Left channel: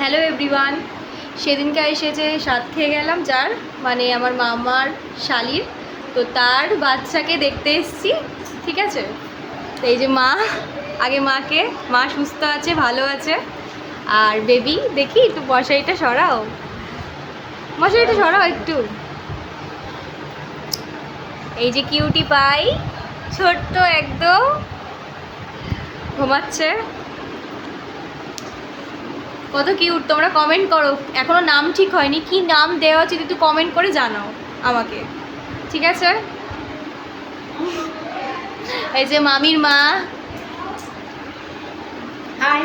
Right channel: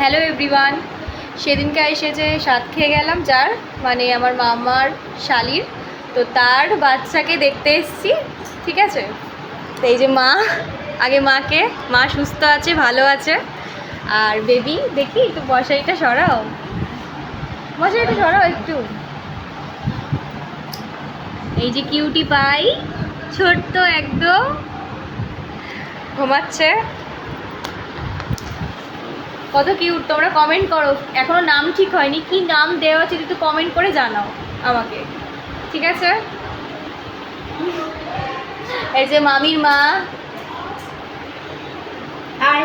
Hello everyone, সেদিনকে এসেছে সাত খেয়ে গেলাম যার মানে আমার মামার শালির, তো তার বাচ্চাকে দেখতে এসেছি। ঠিক আছে, তো এই যে মা, আগে মাকে, মা সুস্থ আছে, ভালো আছে। আর বেবি দেখি একটু মশারিটা সরাও, মশারিটা সরাও একটু। এই যে কিউটি পাই, ছোট্ট একদম ঘুমাচ্ছে। কত কিউট, তোমরা কমেন্ট করো, এখনো নাম ঠিক হয়নি, কি নাম দেওয়া উচিত একটু কমেন্ট করে জানাও আমাকে, ঠিক আছে? এই যে মামির মা, হাই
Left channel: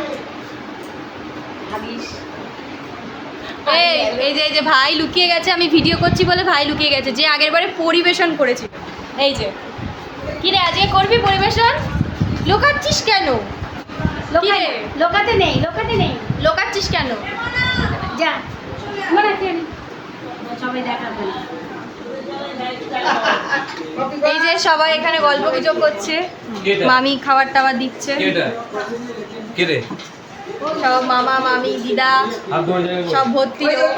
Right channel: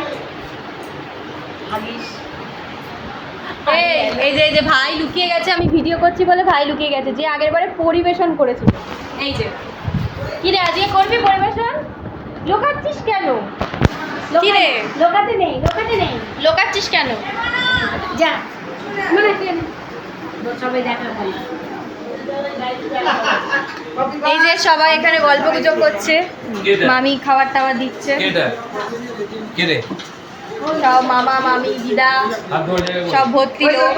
এই যে ভাই লুকিয়ে গেছে, আমি ভিডিও করছি বলে ভাই লুকিয়ে গেছে, যে আগের বারে পরিবেশন করেছিল। এই যে কি রে, আজকে করবি পরিবেশন? লুকাচ্ছিস কেন? কি রে লোকাতে নেই লোকাচ্ছিস কেন? যা মানে সবাই দেখা হয়। এই যে সবাই এখানে গল্প গুজব করছে, মামি খাবার টাবার দিচ্ছে, সব মামা মামি দিদা সব ভর্তি লোক।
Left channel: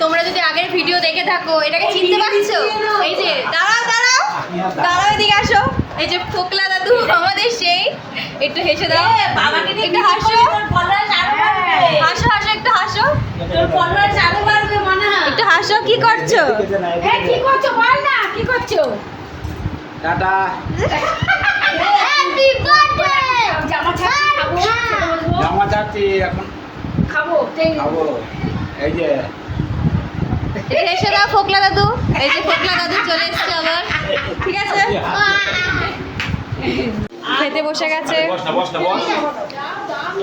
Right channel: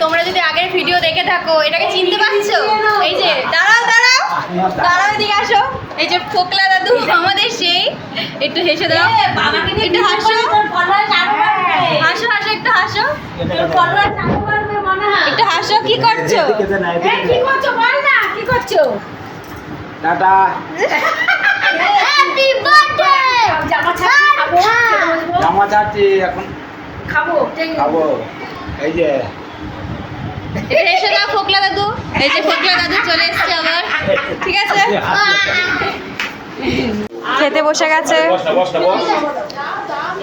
তোমরা যদি আগের ভিডিও দেখে থাকো, এটাকে চিনতে পারছো? এই যে দাঁড়াও দাঁড়াও দাঁড়াও, এদিকে আসো। এই যে ফোকলা দাদু আমাদের সেই, একটু হেসে দাও, একটু হাসো, হাসো হাসো, একটু হাসো, একটু হাসো। কি করছো? কি করছো বল না, কি করছো? টাটা। Happy birthday. জামা ছাড়ছি, খাবো, জামা চাচ্ছি এখন খাবো। খাবো। এই যে এটা হেসে দাও ফোকলা দাদু। এই যে ফোকলা দাদু চলে এসছে আবার, ঠিক আছে? খেতে বসে গেছে,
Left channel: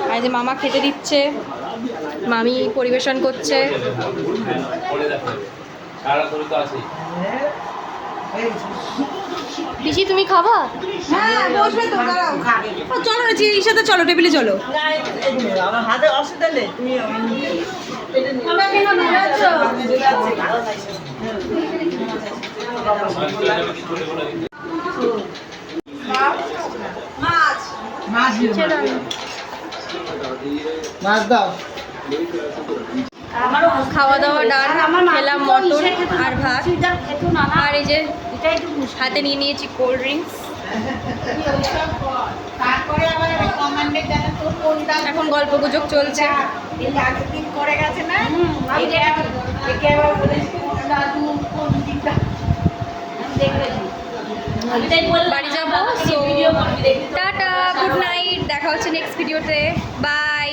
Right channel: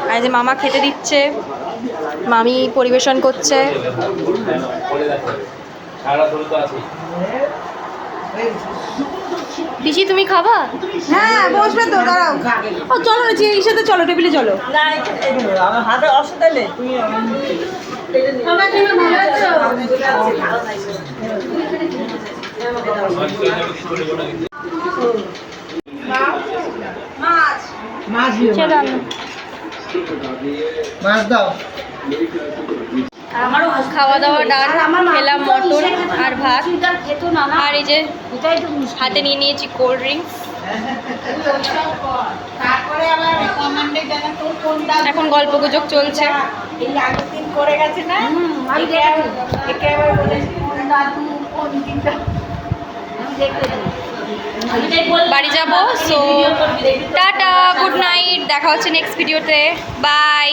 আর এই যে মামা খেতে দিচ্ছে, মামি পরিবেশন করছে। পিসি তুমি খাবা? হ্যাঁ বসবে তো, দাঁড়াও। ও চলো না, এই সাথে চলো, টেবিলে চলো। আমার হাতে অসুবিধা নেই, তুমি তোমরা কেন ভালো আছো? মাছ মাছ খেলাম মাছ দাও। খাওয়া দাওয়া ডান, খেলাম মটন আর ভাত, আর এই যে হাতে নিয়ে নিয়েছি কোল্ড ড্রিঙ্কস। তারপরে আবার কমান্ডে জানা তো কোনটা এখন গল্প গুজব চলছে। এই আগের দিন করে গেছে না, এটা একে বলে কোন দাদু কোন দিনটা বাড়ি যাবো, সো টাটা, গুড নাইট, দেখা হচ্ছে নেক্সট ভিডিওতে, বাই।